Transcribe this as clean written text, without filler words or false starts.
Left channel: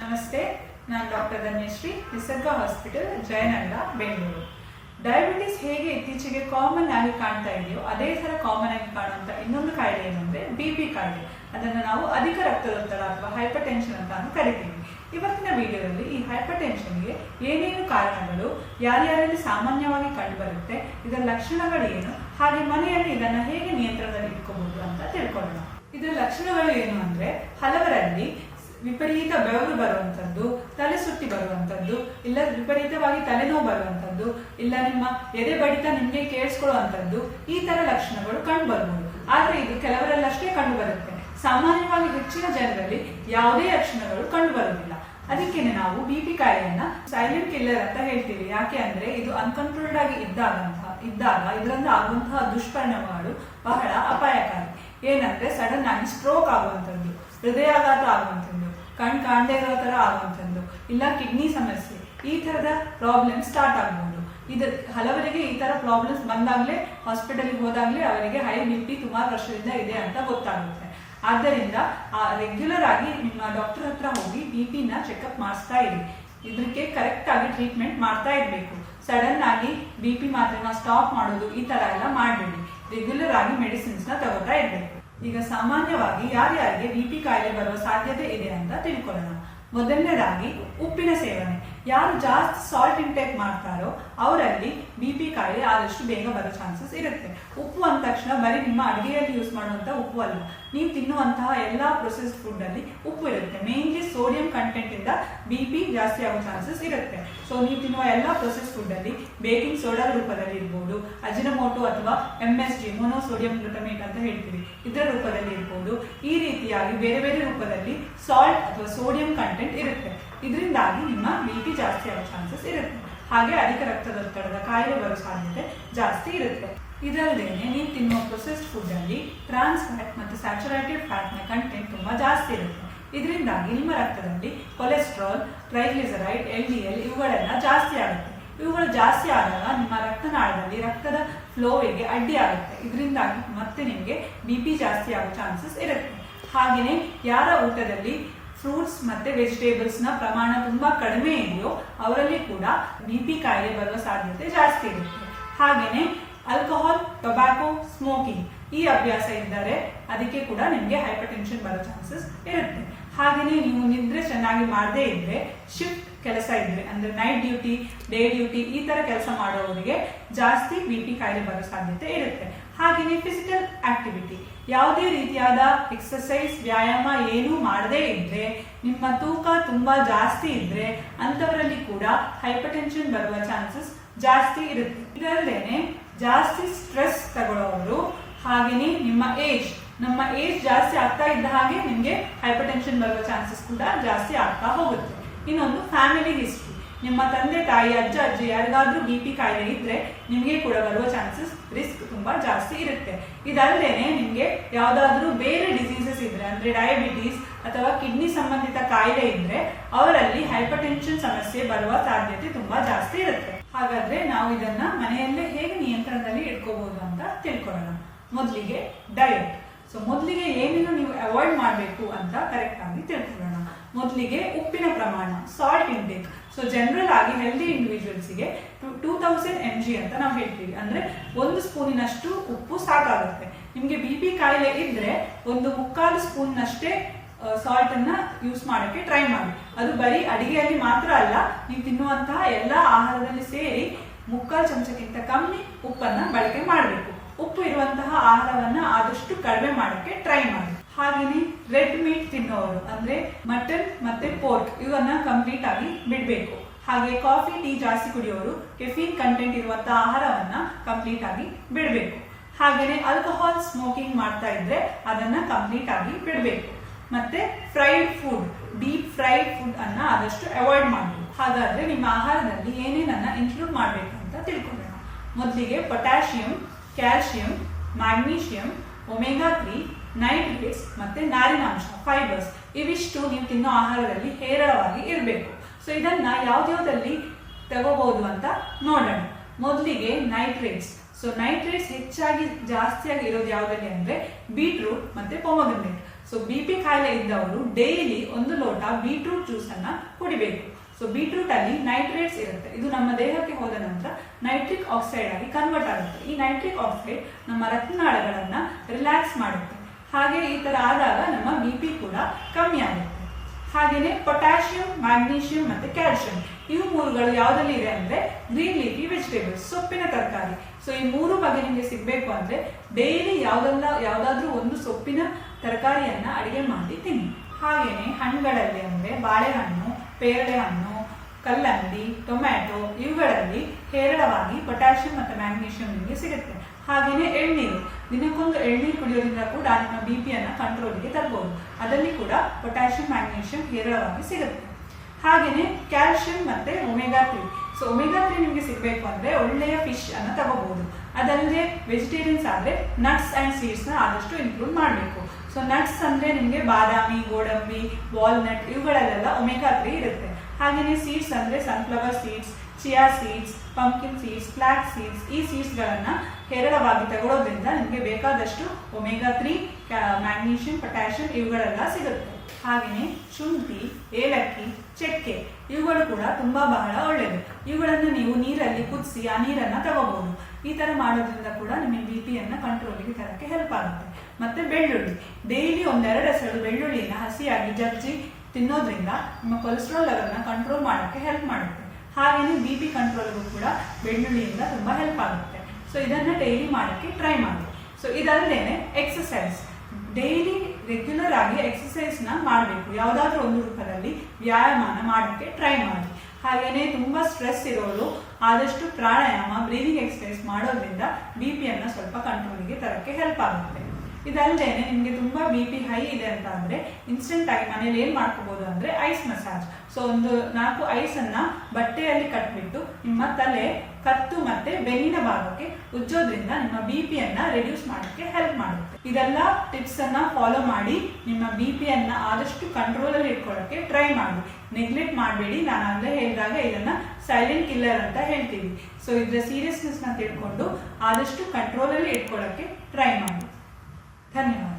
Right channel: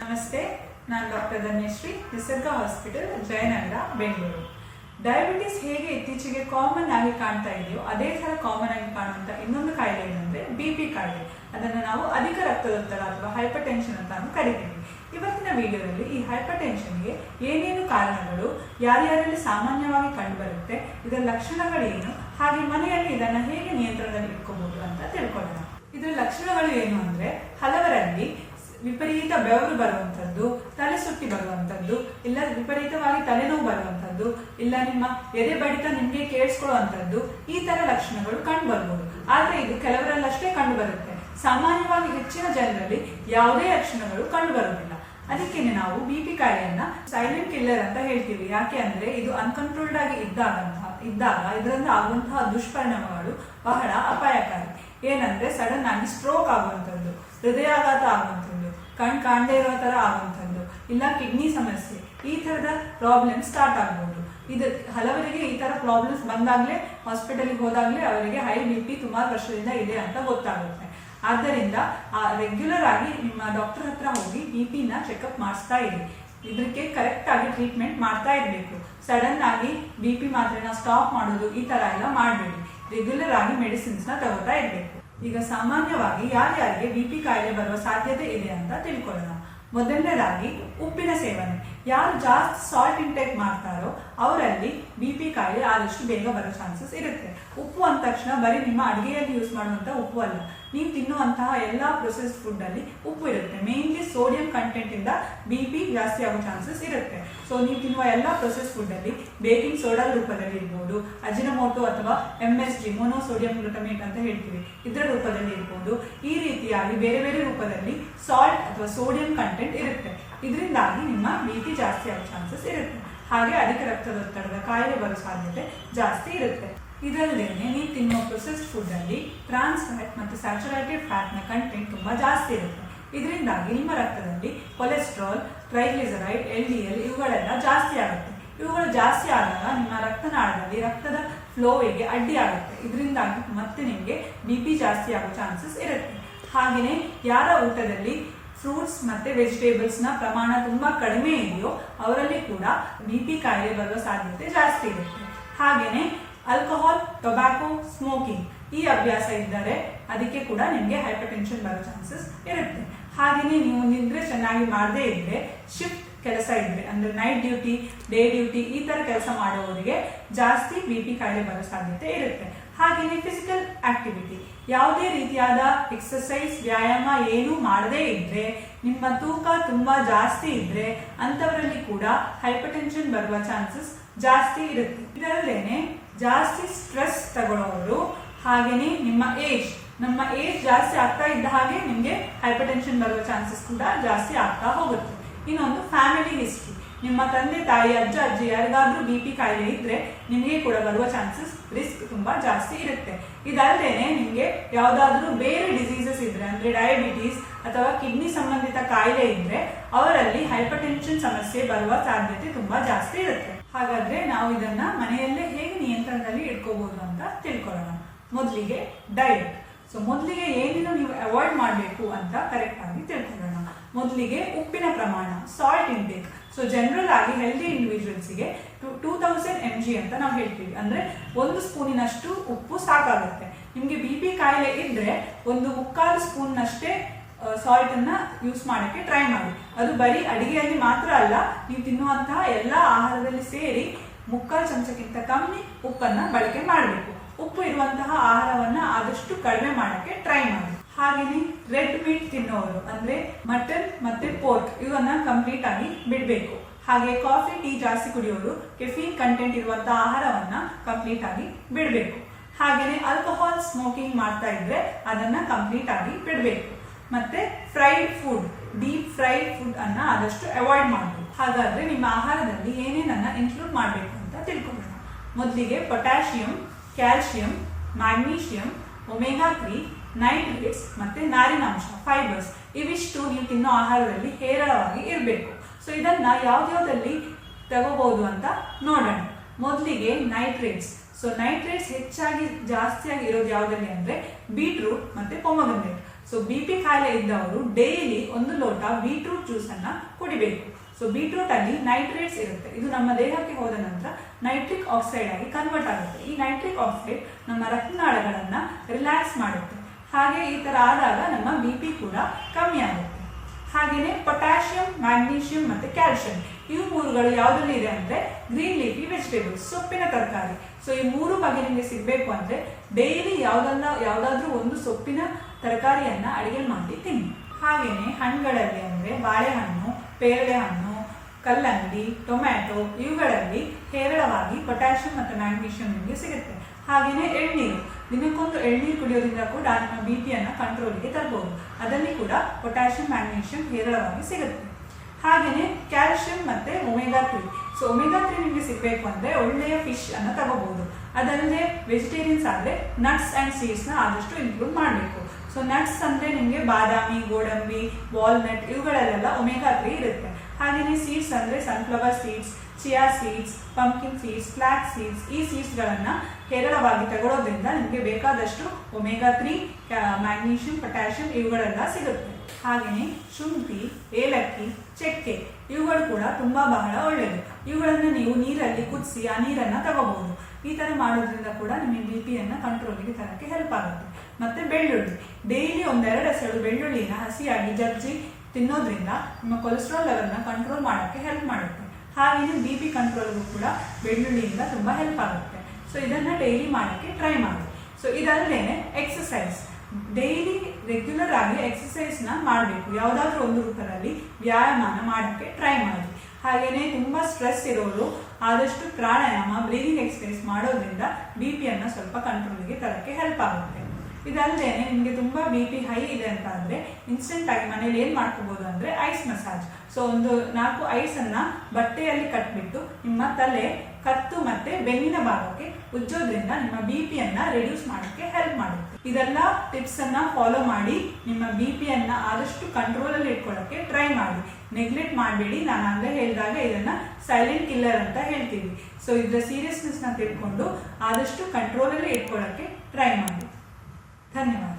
ನಮಸ್ತೆ, ನಾನು ಡಾಕ್ಟರ್ ಧನ್ಯಶ್ರೀ, ನಿಸರ್ಗ ಹಾಸ್ಪಿಟಲ್, ಜಯನಗರ, ಬೆಂಗಳೂರು. ಡಯಾಬಿಟಿಸ್ ಹೇಗೆ ಇತ್ತೀಚೆಗೆ ಕಾಮನ್ ಆಗಿ ಕಾಣ್ತಾ ಇದೆಯೋ ಅದೇ ತರ ಕಾಮನ್ ಆಗಿ ಕಾಣುವಂತ ಇನ್ನೊಂದು ಕಾಯಿಲೆ ಏನಂದ್ರೆ ಬಿಪಿ ಕಾಯಿಲೆ. ಅದನ್ನು ನಾವು ಅಧಿಕ ರಕ್ತದೊತ್ತಡ ಅಥವಾ ಹೈಪರ್ ಟೆನ್ಷನ್ ಅಂತ ಕರಿತೀವಿ. ಇವತ್ತಿನ ವಿಡಿಯೋದಲ್ಲಿ ಈ ಹೈಪರ್ ಟೆನ್ಷನ್ಗೆ ಏನೇನು ಕಾರಣಗಳು, ಯಾರ್ಯಾರಲ್ಲಿ ಸಾಮಾನ್ಯವಾಗಿ ಕಂಡುಬರುತ್ತೆ, ಇದರ ಲಕ್ಷಣಗಳು ಏನು, ಹಾಗೆ ಮನೆಯಲ್ಲಿ ಇದನ್ನ ಹೇಗೆ ನಿಯಂತ್ರಣದಲ್ಲಿ ಇಟ್ಕೋಬಹುದು ಅಂತ ತಿಳ್ಕೊಳ್ಳೋಣ. ಇದರ ಲಕ್ಷಣಗಳು ಏನು ಅಂದ್ರೆ, ಹಲವರಲ್ಲಿ ವಿಪರೀತ ಬೆವರು ಬರುವಂತದ್ದು, ತಲೆ ಸುತ್ತಿ ಬರುವಂತದ್ದು, ಇಲ್ಲ ವಿಪರೀತವಾಗಿ ತಲೆನೋವು ಬರುವಂತದ್ದು, ಇಲ್ಲ ನಿಮ್ಮ ಎದೆ ಬಡಿತ ನಿಮ್ಗೆ ಕೇಳಿಸ್ಕೊಳ್ಳುವಂತದ್ದು, ಈ ತರ ಲಕ್ಷಣಗಳು ಕಂಡು ಬರ್ಬೋದು. ಆದ್ರೆ ಇದು ಕೆಲವರಲ್ಲಷ್ಟೇ ಕಂಡು ಬರುತ್ತೆ. ಸಾಮಾನ್ಯವಾಗಿ ಹೆಚ್ಚಿನ ಜನರಲ್ಲಿ ಯಾವುದೇ ಲಕ್ಷಣಗಳು ಕಂಡು ಬರುವುದಿಲ್ಲ. ಅದಕ್ಕೇನೆ ನಾವು ಬಿಪಿ ಕಾಯಿಲೆಯನ್ನ ಸೈಲೆಂಟ್ ಕಿಲ್ಲರ್ ಅಂತ ಹೇಳ್ತೀವಿ. ಯಾಕೆ ಅಂದ್ರೆ ಇದು ಅನ್ಕಂಟ್ರೋಲ್ಡ್ ಆಗಿ ಇದ್ದಾಗ ಇದರಿಂದ ಆಗುವಂತಹ ದುಷ್ಪರಿಣಾಮಗಳು ಬಹಳ ಅಪಾಯಕಾರಿ. ಏನಂದ್ರೆ ಸಡನ್ ಆಗಿ ಸ್ಟ್ರೋಕ್ ಆಗುವಂತದ್ದು, ಹೃದಯಾಘಾತ ಆಗುವಂತದ್ದು, ಕಾಣದೇ ಇರೋ ತರ ಆಗುವಂತದ್ದು, ಇಲ್ಲ ಕಿಡ್ನಿ ಸಮಸ್ಯೆ, ಈ ತರದ ಪ್ರಾಬ್ಲಮ್ ಸ್ಟಾರ್ಟ್ ಆಗಬಹುದು. ಹಲವರಿಗೆ ಈ ತರ ಪ್ರಾಬ್ಲಮ್ಸ್ ಬಂದಾಗ್ಲೇ ಹಾಸ್ಪಿಟಲ್ಗೆ ಹೋದಾಗ್ಲೇ ಅವರಿಗೆ ಹೈ ಬಿಪಿ ಸುಮಾರು ವರ್ಷದಿಂದ ಇದೆ ಅಂತ ಗೊತ್ತಾಗುತ್ತೆ. ಆದ್ದರಿಂದ ರೆಗ್ಯುಲರ್ ಆಗಿ ನಿಮ್ಮ ಡಾಕ್ಟರ್ ಹತ್ರ ಹೋಗಿ ಬಿಪಿನ ಚೆಕ್ಅಪ್ ಮಾಡಿಸ್ತಾ ಇರಿ. ಇದಕ್ಕೆ ಕರೆಕ್ಟ್ ಆಗಿ ಟ್ರೀಟ್ಮೆಂಟ್ ಮಾಡ್ತಾ ಇರಬೇಕು. ಸಡನ್ ಆಗಿ ಬಿಪಿ ಮಾತ್ರೆನ ಸ್ಟಾಪ್ ಮಾಡೋದು ಈ ತರ ಎಲ್ಲ ಮಾಡಬೇಡಿ. ರೆಗ್ಯುಲರ್ ಆಗಿ ಮೆಡಿಸಿನ್ಸ್ ನ ತಗೋತಾ ಇರಬೇಕು. ಈಗ ಸಾಮಾನ್ಯವಾಗಿ ಯಾರ್ಯಾರಿಗೆ ಬಿಪಿ ಕಾಯಿಲೆ ಬರುವ ಸಾಧ್ಯತೆ ಇದೆ ಅಂತ ತಿಳ್ಕೊಳ್ಳೋಣ. ಮೊದಲನೇದಾಗಿ ಉಪ್ಪಿನ ಸೇವನೆ. ಯಾರು ಜಾಸ್ತಿ ಸಾಲ್ಟ್ ಇಂಟೇಕ್ ಮಾಡ್ತಾರೋ ಅವರಲ್ಲಿ ಬಿಪಿ ಕಾಯಿಲೆ ಆದಷ್ಟು ಬೇಗ ಬರೋ ಚಾನ್ಸಸ್ ಇರುತ್ತೆ. ಉಪ್ಪು ಅಂದ ತಕ್ಷಣ ಬರೀ ನಿಮ್ಮ ಅಡುಗೆಯಲ್ಲಿ ಯೂಸ್ ಮಾಡುವಂತ ಉಪ್ಪು ಅಲ್ಲ, ನೀವು ತಿನ್ನುವಂತಹ ಎಲ್ಲಾ ಪ್ರೊಸೆಸ್ಡ್ ಫುಡ್ ಅಲ್ಲಿ ಉಪ್ಪು ಇರುತ್ತೆ. ಮೇನ್ಲಿ ಸೋಡಿಯಂ ಕಂಟೆಂಟ್ ಇಂದ ಬಿಪಿ ಜಾಸ್ತಿ ಆಗೋ ಚಾನ್ಸಸ್ ಇರುತ್ತೆ. ಸೊ ನೀವು ತಿನ್ನುವ ಎಲ್ಲಾ ಪ್ರೊಸೆಸ್ಡ್ ಫುಡ್ ಅಲ್ಲಿ ಬೇಕಿಂಗ್ ಸೋಡಾ ರೂಪದಲ್ಲಿ ಇರ್ಬೋದು, ಅಜಿನಮೋಟೋ ಅಥವಾ MSG ಮೊನೋಸೋಡಿಯಂ ಗ್ಲುಟಮೇಟ್ ಅಂತ ಹೇಳ್ತೀವಿ, ಇದರ ರೂಪದಲ್ಲಿ ಇರ್ಬೋದು. ಈ ರೀತಿಯಾಗಿ ಬೇರೆ ಬೇರೆ ರೂಪದಲ್ಲಿ ಸಾಲ್ಟ್ ಅಥವಾ ಸೋಡಿಯಂ ಕಂಟೆಂಟ್ ಇರುತ್ತೆ. ಇದರಿಂದಾಗಿ ನಿಮ್ಮ ಬಿಪಿ ಜಾಸ್ತಿ ಆಗೋ ಚಾನ್ಸಸ್ ಇರುತ್ತೆ. ಹಾಗೆ ಅಧಿಕ ರಕ್ತದೊತ್ತಡದ ಕಾಯಿಲೆ ಬರೋ ಸಾಧ್ಯತೆ ಜಾಸ್ತಿ ಇರುತ್ತೆ. ಇದಲ್ಲದೇನೆ ನೀವು ತಿನ್ನುವ ಪ್ರೊಸೆಸ್ಡ್ ಫುಡ್ ಅಲ್ಲಿ ಟ್ರಾನ್ಸ್ ಫ್ಯಾಟ್ ಮತ್ತು ಸ್ಯಾಚುರೇಟೆಡ್ ಫ್ಯಾಟ್ ನ ಕಂಟೆಂಟ್ ತುಂಬಾ ಜಾಸ್ತಿ ಇರುತ್ತೆ. ಇದರಿಂದಾಗಿ ನಿಮ್ಮ ರಕ್ತದಲ್ಲಿ ಕೊಲೆಸ್ಟ್ರಾಲ್, ಟ್ರೈಗ್ಲಿಸರೈಡ್, LDL ಇವುಗಳೆಲ್ಲ ಜಾಸ್ತಿ ಆಗುತ್ತೆ. ಇವುಗಳು ಜಾಸ್ತಿ ಆದಾಗ ನಿಮ್ಮ ರಕ್ತನಾಳದಲ್ಲಿ ರಕ್ತದ ಫ್ಲೋವಿಗೆ ಅಡ್ಡಿ ಆಗುತ್ತೆ. ಇದರಿಂದಾಗಿ ಮತ್ತೆ ನಿಮಗೆ ಬಿಪಿ ಜಾಸ್ತಿ ಆಗೋ ಚಾನ್ಸಸ್ ಇರುತ್ತೆ. ಹಾಗೆಯೇ ಯಾರ ಊಟದಲ್ಲಿ ಫ್ರೂಟ್ಸ್ ಮತ್ತೆ ವೆಜಿಟೇಬಲ್ಸ್ ನ ಪ್ರಮಾಣ ತುಂಬಾ ಕಡಿಮೆ ಇದೆಯೋ ಅವರಲ್ಲಿ ಕೂಡ ಬಿಪಿ ಕಾಯಿಲೆ ಬರುವ ಸಾಧ್ಯತೆ ಜಾಸ್ತಿ ಇರುತ್ತೆ. ಹಾಗೇನೆ ಆಲ್ಕೋಹಾಲ್, ಟೊಬ್ಯಾಕೊ, ಸ್ಮೋಕಿಂಗ್ ಈ ಅಭ್ಯಾಸ ಇದ್ದರೆ ಅದಕ್ಕೆ ಕೂಡ ನಿಮಗೆ ಹೈಪರ್ ಟೆನ್ಷನ್ ಬರೋ ಚಾನ್ಸಸ್ ಇರುತ್ತೆ. ಹಾಗೇನೆ ನೀವು ನಿದ್ರೆ ಚೆನ್ನಾಗಿ ಮಾಡದೇ ಇದ್ರೆ, ಶಿಫ್ಟ್ ಕೆಲಸ ಇದ್ರೆ ಅಂದ್ರೆ ನೈಟ್ ಡ್ಯೂಟಿ, ಡೇ ಡ್ಯೂಟಿ ಈ ತರ ಕೆಲಸ ಮಾಡೋರಿಗೆ ಜಾಸ್ತಿ ಬಿಪಿ ಕಾಯಿಲೆ ಬರೋ ಸಾಧ್ಯತೆ ಇರುತ್ತೆ. ಹಾಗೇನೆ ಫಿಸಿಕಲ್ ಆಕ್ಟಿವಿಟಿ, ಯಾವುದೇ ರೀತಿಯಾದ ಎಕ್ಸರ್ಸೈಸ್, ವ್ಯಾಯಾಮ ಏನೂ ಮಾಡದೇ ಇದ್ರೆ, ನಿಮ್ಮ ತೂಕ ತುಂಬಾ ಜಾಸ್ತಿ ಇದ್ರೆ ಅಂತವರಲ್ಲಿ ಕೂಡ ಹೈಪರ್ ಟೆನ್ಷನ್ ಬರುವ ಚಾನ್ಸಸ್ ಜಾಸ್ತಿ ಇರುತ್ತೆ. ಇದರಲ್ಲೇನೆ ಜಾಸ್ತಿ ಸ್ಟ್ರೆಸ್ ತಗೊಳ್ಳೋರು, ಹಾಗೇನೆ ನಮ್ಮ ಏಜ್ ಜಾಸ್ತಿ ಆಗ್ತಾ ಇದ್ದ ಹಾಗೆ ನಿಮ್ಗೆ ಹೈಪರ್ ಟೆನ್ಷನ್ ಬರುವ ಚಾನ್ಸಸ್ ಕೂಡ ಜಾಸ್ತಿ ಆಗ್ತಾ ಹೋಗುತ್ತೆ. ಇನ್ನೊಂದು ಫ್ಯಾಮಿಲಿ ಹಿಸ್ಟ್ರಿ, ನಿಮ್ಮ ತಂದೆ ತಾಯಿ, ಅಜ್ಜ ಅಜ್ಜಿ ಯಾರಿಗಾದ್ರೂ ಬಿಪಿ ಕಾಯಿಲೆ ಇದ್ರೆ ನಿಮಗೆ ಕೂಡ ಬರುವ ಚಾನ್ಸಸ್ ರಿಸ್ಕ್ ತುಂಬಾ ಜಾಸ್ತಿ ಇರುತ್ತೆ. ಇದಲ್ಲದೇನೆ ನಿಮ್ಗೆ ಯಾವ್ದಾದ್ರೂ ಬೇರೆ ಡಿಸೀಸಸ್ ಇದ್ರೆ ಅಂದ್ರೆ ಡಯಾಬಿಟೀಸ್ ಅಥವಾ ಕಿಡ್ನಿ ಸಂಬಂಧಿತ ಕಾಯಿಲೆ ಇದ್ರೆ ಅವರಲ್ಲಿ ಹೈಪರ್ ಟೆನ್ಷನ್ ಸಮಸ್ಯೆ ಬರುವ ಸಾಧ್ಯತೆ ತುಂಬಾ ಜಾಸ್ತಿ ಇರುತ್ತೆ. ಹಾಗಾದ್ರೆ ನಾವು ಇದನ್ನ ಮನೆಯಲ್ಲೇ ಹೇಗೆ ನಿಯಂತ್ರಣದಲ್ಲಿ ಇಟ್ಕೋಬಹುದು ಅಂತ ತಿಳ್ಕೊಳ್ಳೋಣ. ಮೊದಲಿಗೆ ಡಯಟ್. ಸೊ ಮೊದಲಿಗೆ ಏನೇನು ನೀವು ಅವಾಯ್ಡ್ ಮಾಡಬೇಕು ಅಂತ ಕರೆಕ್ಟ್ ಆಗಿ ತಿಳ್ಕೊಳ್ಳೋಣ. ಮೊದಲಿಗೆ ಉಪ್ಪಿನ ಪ್ರಮಾಣ, ಸಾಲ್ಟ್ ಇಂಟೇಕ್. ಸೊ ಜನರಲ್ ಆಗಿ ಹೆಲ್ದಿ ಇಂಡಿವಿಜುವಲ್ಸ್ಗೆ 2000 mg ಅಂತ ನಾವು ಹೇಳ್ತೀವಿ. ಅಂದ್ರೆ 1 ಸ್ಪೂನಿನಷ್ಟು ಉಪ್ಪು ಸಾಕಾಗುತ್ತೆ. ನಿಮ್ಗೆ ಬಿಪಿ ಕಾಯಿಲೆ ಇದ್ರೆ 1/4 ಸ್ಪೂನ್ನಷ್ಟೇ ಸಾಲ್ಟ್ ಅನ್ನ ಯೂಸ್ ಮಾಡಕ್ಕೆ ಟ್ರೈ ಮಾಡಿ. ಅದು ಬರೀ ಅಡಿಗೆಯಲ್ಲಿ ಮಾತ್ರ ಅಲ್ಲ, ನೀವು ತಿನ್ನುವಂತಹ ಎಲ್ಲಾ ಆಹಾರದಲ್ಲಿ ಸೇರಿ 3/4 ಚಮಚಕ್ಕಿಂತ ಕಮ್ಮಿ ಉಪ್ಪನ್ನ ಬಳಕೆ ಮಾಡಬೇಕು. ಉಪ್ಪು ಇರುವಂತಹ ಆಹಾರವನ್ನ ಆದಷ್ಟು ಕಡಿಮೆ ಮಾಡಕ್ಕೆ ಟ್ರೈ ಮಾಡಿ. ಹಾಗೇನೆ ರೆಡ್ ಮೀಟ್ ತಿನ್ನೋರು ಅಂದ್ರೆ ಮಟನ್ ಮತ್ತೆ ಪೋರ್ಕ್ ಇವನ್ನ ಕಂಪ್ಲೀಟ್ ಆಗಿ ಬಿಡ್ಬೇಕು. ಹಾಗೆ ಕಾಫಿ, ಟೀ ಜಾಸ್ತಿ ಕುಡಿಯೋರು ಕೆಫೀನ್ ಕಂಟೆಂಟ್ ಇರುವಂತಹ ಆಹಾರವನ್ನ ಕಂಪ್ಲೀಟ್ ಆಗಿ ಬಿಡ್ಬೇಕು. ಹಾಗೇನೆ ಆಲ್ಕೋಹಾಲ್, ಸ್ಮೋಕಿಂಗ್ ಮಾಡ್ತಾ ಇದ್ರೆ ಅದನ್ನ ಕಂಪ್ಲೀಟ್ ಆಗಿ ಬಿಡ್ಬೇಕು. ಮತ್ತೆ fried food, deep fried food ಅನ್ನ ಆದಷ್ಟು ಅವಾಯ್ಡ್ ಮಾಡಬೇಕು. ಹಾಗಾದ್ರೆ ನಿಮ್ಮ ಆಹಾರದಲ್ಲಿ ಏನೇನನ್ನ ಇನ್ಕ್ಲೂಡ್ ಮಾಡಬೇಕು ಅಂತ ತಿಳ್ಕೊಳ್ಳೋಣ. ಮೊದಲಿಗೆ potassium, calcium, magnesium, omega 3, nitrates ಮತ್ತೆ ನಾರಿನಾಂಶ, ಫೈಬರ್ಸ್ ಇವಿಷ್ಟು ನೀವು ತಿನ್ನೋ ಆಹಾರದಲ್ಲಿ ಹೇರಳವಾಗಿ ಇರಬೇಕು. ಸೊ ಇದನ್ನ ಯಾವ್ದ್ಯಾವ್ದಲ್ಲಿ ತಗೋಬಹುದು ಅಂತ ನೋಡೋಣ. ಮೊದಲಿಗೆ ನೈಟ್ರೇಟ್ಸ್. ಸೊ ನೈಟ್ರೇಟ್ಸ್ ಹೆಚ್ಚಾಗಿ ಜಾಸ್ತಿಯಾಗಿ ಇರೋದು ಯಾವುದಲ್ಲಿ ಅಂದ್ರೆ ಬೀಟ್ರೂಟ್ ಮತ್ತೆ ಪೊಮೊಗ್ರನೇಟ್. ಸೊ BP ಕಾಯಿಲೆ ಇದ್ದವರು ಡೈಲಿ 1 ಲೋಟ ಬೀಟ್ರೂಟ್ ಜ್ಯೂಸ್ ಅನ್ನ ಕುಡಿಬೇಕು. ಸೊ ಬೀಟ್ರೂಟ್ ಅಲ್ಲಿ ನೈಟ್ರೇಟ್ಸ್ ಇರುತ್ತೆ. ಇದು ನಮ್ಮ ದೇಹಕ್ಕೆ ಹೋದ ನಂತರ ನೈಟ್ರಿಕ್ ಆಕ್ಸೈಡ್ ಆಗಿ ಕನ್ವರ್ಟ್ ಆಗುತ್ತೆ. ಈ ನೈಟ್ರಿಕ್ ಆಕ್ಸೈಡ್ ನಮ್ಮ ರಕ್ತನಾಳಗಳನ್ನ ರಿಲ್ಯಾಕ್ಸ್ ಮಾಡುತ್ತೆ. ಹಾಗೆ ಈ ತರ ಆದಾಗ ನಮ್ಮ BP ಕೂಡ ಕಮ್ಮಿ ಆಗುತ್ತೆ. ಹಾಗೇನೆ ಪೊಟ್ಯಾಷಿಯಂ, ಮ್ಯಾಗ್ನೀಷಿಯಂ ಮತ್ತೆ ಕ್ಯಾಲ್ಸಿಯಂ ಇವು ಮೂರುಗಳು ಯಾವ್ದಲ್ಲಿ ಇದೆ ಅಂದ್ರೆ ಗ್ರೀನ್ ಲೀಫಿ ವೆಜಿಟೇಬಲ್ಸ್, ಸೊಪ್ಪಿನ ತರಕಾರಿ. ಸೊ ಈ ಮೂರು ಬಗ್ಗೆ ನಿಮಗೆ ಸಿಗ್ಬೇಕು ಅಂದ್ರೆ ಡೈಲಿ ಯಾವ್ದಾದ್ರೂ ಒಂದು ಸೊಪ್ಪಿನ ತರಕಾರಿಯನ್ನ ಅಡಿಗೆ ಮಾಡಿ ತಿನ್ನಿ. ಹಾಗೇನೆ ಹಣ್ಣುಗಳಲ್ಲಿ ಅಂದ್ರೆ ಬಾಳೆಹಣ್ಣು, ಪೇರಳೆ ಹಣ್ಣು, ಕಲ್ಲಂಗಡಿ, ಟೊಮ್ಯಾಟೊ ಇವುಗಳಲ್ಲಿ ಹೇರಳವಾಗಿ ಪೊಟ್ಯಾಷಿಯಂ ಮತ್ತು ಮ್ಯಾಗ್ನೀಷಿಯಂ ನಿಮಗೆ ಸಿಗುತ್ತೆ. ಹಾಗೇನೆ ಎಳ್ನೀರು, ದಿನಕ್ಕೊಂದು ಎಳ್ನೀರು ಕುಡಿಯೋದ್ರಿಂದ ಕೂಡ ನಿಮ್ಮ BP ಅನ್ನ ಕಂಟ್ರೋಲ್ಗೆ ತರಬಹುದು. ಅದರಲ್ಲಿ ಕೂಡ ಪೊಟ್ಯಾಷಿಯಂ, ಮ್ಯಾಗ್ನೀಷಿಯಂ ಹೇರಳವಾಗಿ ಸಿಗುತ್ತೆ. ಹಾಗೇನೆ ಕ್ಯಾಲ್ಸಿಯಂ ಮತ್ತೆ ಒಮೆಗಾ 3. ಸೊ ಒಮೆಗಾ 3 ನಿಮಗೆ ಸಿಗಬೇಕು ಅಂದ್ರೆ ಒಳ್ಳೆಯ ಫಿಶ್ ಅನ್ನ ತಗೋಬಹುದು. ಅದಲ್ಲದೆ ವೆಜಿಟೇರಿಯನ್ಸ್ ಆದ್ರೆ ನಟ್ಸ್ ಅಂಡ್ ಸೀಡ್ಸ್ ನ ಆದಷ್ಟು ಇನ್ಕ್ಲೂಡ್ ಮಾಡಬೇಕು. ಸೊ ನಟ್ಸ್ ಅಂದ್ರೆ ನಿಮಗೆ ಬಾದಾಮಿ, ಗೋಡಂಬಿ, ವಾಲ್ನಟ್ ಇವುಗಳಲ್ಲೆಲ್ಲ ಒಮೆಗಾ 3 ಇರುತ್ತೆ. ಹಾಗೇನೆ ಸೀಡ್ಸ್ ಅಂದ್ರೆ sunflower seeds, chia seeds, pumpkin seeds, flax seeds ಈ ಸೀಡ್ಸ್ ಗಳನ್ನ ಹೇರಳವಾಗಿ ತಗೊಳ್ಳೋದ್ರಿಂದ ನಿಮಗೆ ಬೇಕಾದಷ್ಟು ಒಮೆಗಾ 3, ಮ್ಯಾಗ್ನೀಷಿಯಂ, ಪೊಟ್ಯಾಷಿಯಂ ಇವುಗಳೆಲ್ಲ ಸಿಗುತ್ತೆ. ಹಾಗೆಯೇ ಶುಂಠಿ, ಏಲಕ್ಕಿ, ಚಕ್ಕೆ ಇವುಗಳು ಕೂಡ ತುಂಬಾ ಬಹಳ ಒಳ್ಳೆಯದು. ಇವುಗಳನ್ನ ನೀವು ನೀರಲ್ಲಿ ಕುದಿಸಿ ಆ ನೀರನ್ನ ತಗೋಬಹುದು. ಈ ತರ ಮಾಡೋದ್ರಿಂದ ಕೂಡ ನಿಮಗೆ BP ಅನ್ನ ಕಂಟ್ರೋಲ್ಗೆ ತರಕ್ಕೆ ಹೆಲ್ಪ್ ಆಗುತ್ತೆ. ಮತ್ತೆ ಬೆಳ್ಳುಳ್ಳಿ, ಡೈಲಿ 1-2 ಎಸಳು ಬೆಳ್ಳುಳ್ಳಿನ ಹಸಿಯಾಗಿ ಜಜ್ಜಿ ತಿನ್ನೋದ್ರಿಂದ ನಿಮ್ಮ ಕೊಲೆಸ್ಟ್ರಾಲ್ ಲೆವೆಲ್ನ ಕಂಟ್ರೋಲ್ ಮಾಡಕ್ಕೆ ಹೆಲ್ಪ್ ಮಾಡುತ್ತೆ. ಹಾಗೆಯೇ BP ಕಂಟ್ರೋಲ್ಗೂ ಕೂಡ ಬೆಳ್ಳುಳ್ಳಿಯಿಂದ ತುಂಬಾ ಹೆಲ್ಪ್ ಆಗುತ್ತೆ. ಸೊ ಇದನ್ನ ಡೈಲಿ ಮಾಡಕ್ಕೆ ಟ್ರೈ ಮಾಡಿ. ಸೊ ಇದಲ್ಲೇನೆ ಎಕ್ಸಸೈಸ್, ಡೈಲಿ ರೆಗ್ಯುಲರ್ ಆಗಿ ಎಕ್ಸಸೈಸ್ ನ ಮಾಡಬೇಕು. ಯಾವ್ದಾದ್ರೂ ಒಂದು ರೂಪದಲ್ಲಿ ವ್ಯಾಯಾಮನ ಮಾಡಕ್ಕೆ ಟ್ರೈ ಮಾಡಿ. ಹಾಗೇನೆ ತುಂಬಾ ಸ್ಟ್ರೆಸ್ ಇರೋರು ಆದಷ್ಟು ಪ್ರಾಣಾಯಾಮ, ಬ್ರೀದಿಂಗ್ ಎಕ್ಸಸೈಸ್ ಮಾಡೋದ್ರಿಂದ BP ಅನ್ನ ಸ್ವಲ್ಪ ಕಂಟ್ರೋಲ್ಗೆ ತರಕ್ಕೆ ಹೆಲ್ಪ್ ಆಗುತ್ತೆ. ಇದಲ್ದೇನೆ ನಿಮ್ಗೆ ತುಂಬಾ BP ಹೈ ಇದೆ ಅಂತ ಅಂದ್ರೆ ಇನ್ಸ್ಟೆಂಟ್ ಆಗಿ ಮನೇಲಿ ಏನ್ ಮಾಡ್ಕೋಬಹುದು ಅಂದ್ರೆ ಐಸ್ ಮಸಾಜ್. ಸೊ ಒಂದು 4 ಐಸ್ ಅನ್ನ ಬಟ್ಟೆಯಲ್ಲಿ ಕಟ್ಬಿಟ್ಟು ನಿಮ್ಮ ತಲೆ, ಕತ್ತು ಮತ್ತೆ ಬೆನ್ನಿನ ಭಾಗಕ್ಕೆ ಉಜ್ಜೋದ್ರಿಂದ ನಿಮ್ಮ BP ಅನ್ನ ರೆಡ್ಯೂಸ್ ಮಾಡಕ್ಕೆ ಹೆಲ್ಪ್ ಮಾಡುತ್ತೆ. ಇದೆಲ್ಲ ಟಿಪ್ಸ್ ಅನ್ನ ಫಾಲೋ ಮಾಡಿ ನಿಮ್ಮ BP ಅನ್ನ ಆದಷ್ಟು ಕಂಟ್ರೋಲ್ ಅಲ್ಲಿ ಇಟ್ಕೊಳ್ಳಕ್ಕೆ ಟ್ರೈ ಮಾಡಿ. ನೆಗ್ಲೆಕ್ಟ್ ಮಾಡಬೇಡಿ. ನಾನು ಆಗ್ಲೇ ಹೇಳಿದಾಗ ಇದನ್ನ ಸೈಲೆಂಟ್ ಕಿಲ್ಲರ್ ಅಂತ ಹೇಳ್ತೀವಿ. ಸೊ ಇದರ ಸೀರಿಯಸ್ನೆಸ್ ನ ತಿಳ್ಕೊಂಡು ಆದಷ್ಟು ಕಂಟ್ರೋಲ್ ಅಲ್ಲಿ ಇಟ್ಕೊಳ್ಳಕ್ಕೆ ಟ್ರೈ ಮಾಡಿ. ಧನ್ಯವಾದ.